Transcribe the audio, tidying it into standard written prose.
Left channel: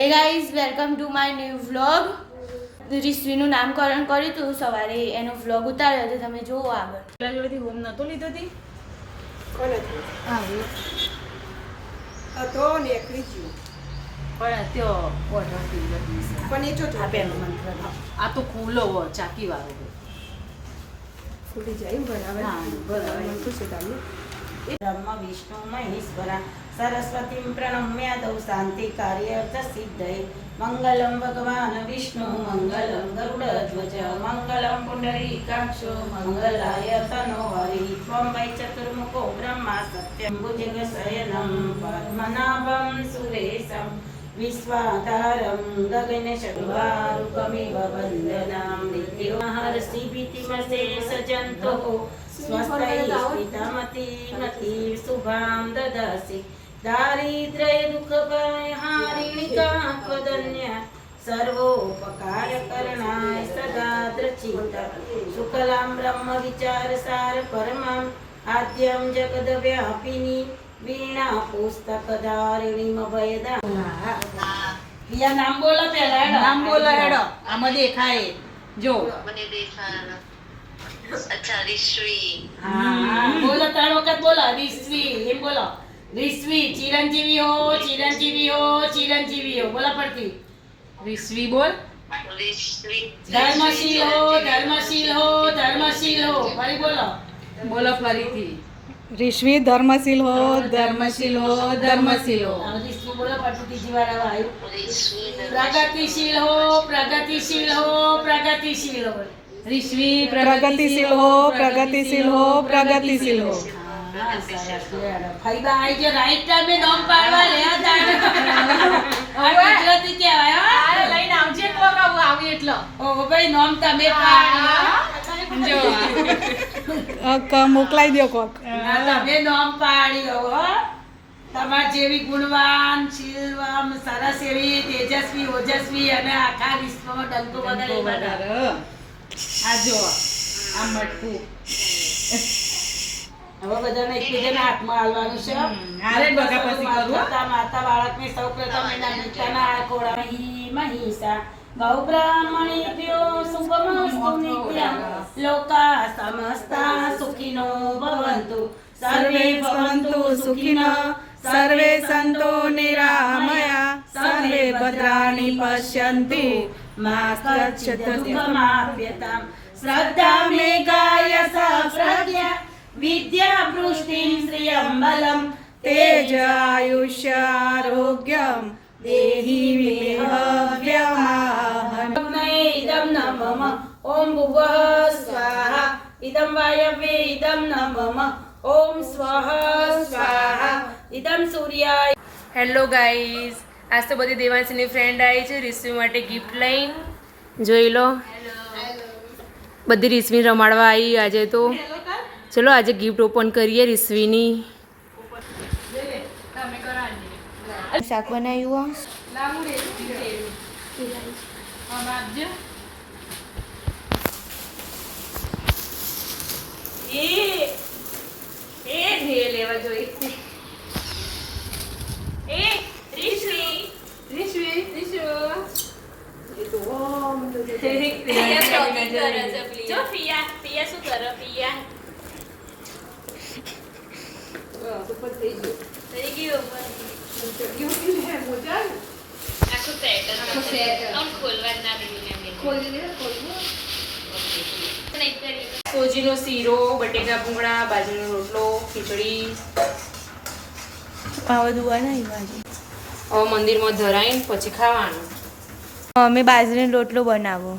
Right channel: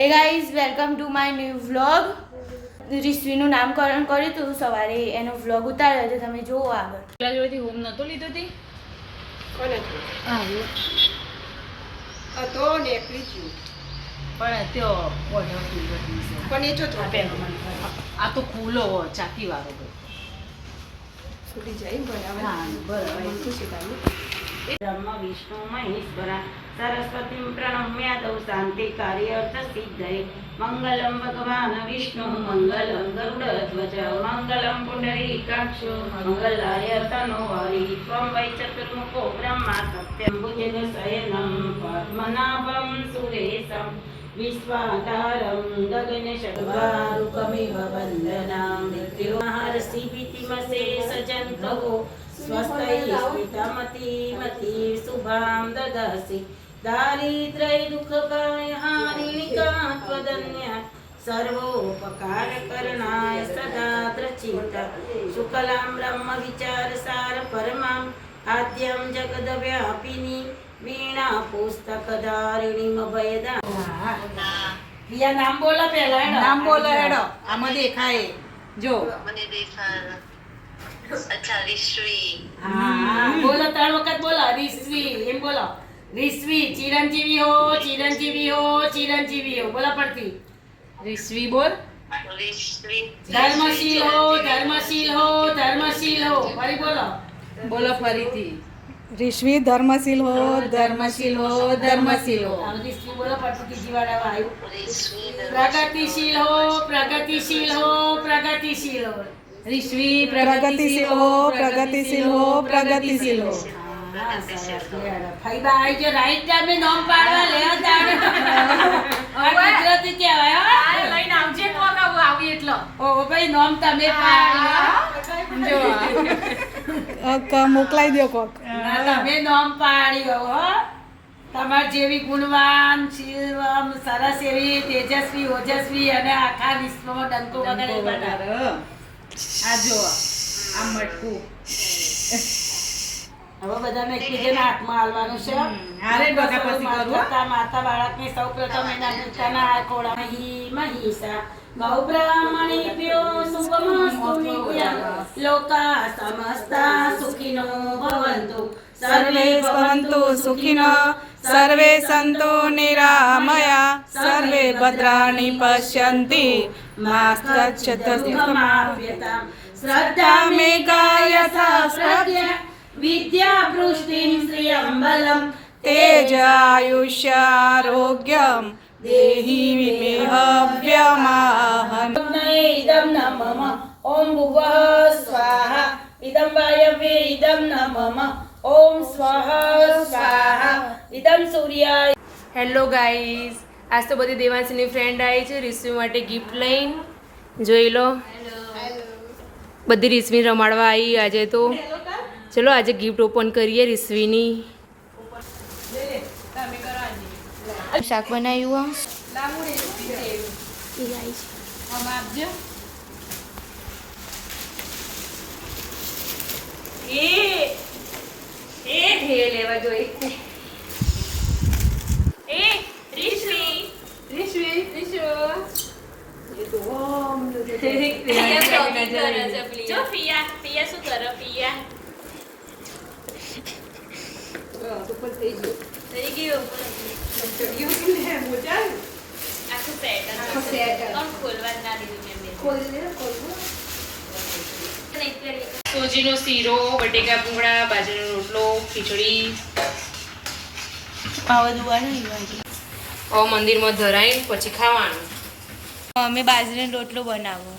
હે guys welcome to my new vlog. રિશ્વીનું નામકરણ કર્યું હતું સવારે, એનો વ્લોગ ઉતાર્યો તો તમે જુઓ આગળ. પેલા જોડેથી હોમ નતો લીધો હતી કોને હા તો નીકળી ગયું પણ ત્યો ઓઢા પણ એ જો આ તો ખુલ્લો હો ચાકી વાળો હોય છૂટી જાય ને બરાબર મને ખુશી થાય બ્રહ્મ વિષ્ણુ મહેશ્વરા સરસ્વતીમ પ્રણમ્ય દૌ શાંતિ કાર્યર્થ સિદ્ધય મંગલમ ભગવાન વિષ્ણુ મંગલમ ગરુડધ્વજ મંગલમ પુંડરીકાક્ષો મંગલાય તનો હરિ ત્વં વૈ ચતુર્મુખો બ્રહ્મા સત્યમ ભુજગ શયનમ પદ્મનાભમ સુરેશમ વિશ્વાધારમ ગગન શક્વારૂપમિવ વંદનામ નિત્યોમહર્ષિ ભીતિમશેષ જંતો સ્વસ્તૈ સ્મિતમતિ શુભાં દદસि દારિદ્ર્ય દુઃખપરિહારિણિકા ત્વદન્ય સર્વોપકારકરણાય સદા દ્રચિત શુક્લાં બ્રહ્મ વિચારસાર પરમં આદ્યં જગદવ્યાપિની વીણા પુસ્તકધારિણીમ ભયદા. પિયા નામ બોલો પેલા નામ બોલો હેડો આમાં દેખાય જો મને દેખાય. અચ્છા રિશ્વી. હા બોલો 3 વખત બોલો રિશ્વી એમ બોલો રિશ્વી ચિરંજીવી હો ચિરંજીવી હો ચિરંજીવી હો બોલો પડતી રિશ્વી બોલ રિશ્વી ધર્મશીલ હો ધર્મશીલ હો ધર્મશીલ હો ફરી બોલો બોલો ફરીથી રિશ્વી ધર્મશીલ હો ધર્મશીલ હો ધર્મશીલ હો રિશ્વી બોલો પડતી ત્રીજી વાર આવ્યું રિશ્વી પ્રગતિશીલ હો પ્રગતિશીલ હો પ્રગતિશીલ હો રિશ્વી પ્રગતિશીલ હો પ્રગતિશીલ હો પ્રગતિશીલ હો. ફઈબા આઈ જે રાઈટ ટાઈમે નામ પાડવા લે તારે ગુજરાતી કહેવાય હા લઈને આવજે કોક આવી એટલો ઓ ભાઈ નામ તમે પાડ્યો જો મોકલાઈ દો કોક. ના તમે નામ પાડ્યો હો તમાર જેવી ગુણવાન શીલવાન સરસ એવી તેજસ્વી ઓજસ્વી અને આખા વિશ્વમાં ડંકો વગાડે આ જો આ મટકું હવે બધાને એકબીજાના હાથમાં હાલવાનું છે. હારે બગા પછી કરું માતા બાળકને સૌપ્રથમ એના પોતાના ખોળા મહિષા ગૌ બ્રાહ્મણીભ્યો શુભમસ્તુ નિત્યં લોકા સમસ્તા સુખિનો ભવન્તુ સર્વે ભવન્તુ સુખિનઃ સર્વે સન્તુ નિરામયા સર્વે ભદ્રાણિ પશ્યન્તિ મા કચ્છત દુઃખમાપ્યતામ શ્રદ્ધા મેઘાયસા પ્રજ્ઞા વિદ્યા પૃષ્ટિં શ્રિયં બલમ તેજ આયુષ્યારોગ્યમ દેહી વિમેહવ્યમાહન. ઇદં ન મમ ઓમ ભુવઃ સ્વાહા ઇદં વાયવે ઇદં ન મમ ઓમ સ્વઃ સ્વાહા ઇદં સૂર્યાય. હેલો ગાઈઝ, આજ તો બધી દેવાંશીની ફ્રેન્ડ આવી છે રિશ્વી માટે ગિફ્ટ લઈને. જોઈ લો બધી રિશ્વી રમાડવા આવી આજે તો. ચલો આજે ગિફ્ટ ઓપન કરીએ રિશ્વીની. શાક બનાવ્યું લેવા જોઈએ. સોજીનો શીરો, બટેકા ભૂંગળા, બાજરીનો રોટલો, ખીચડી આ બધું બનાવ્યું. મંદિરમાં ધરાઈને પછી ખાવાનું. અમે બાજરીનો રોટલો બનાવો.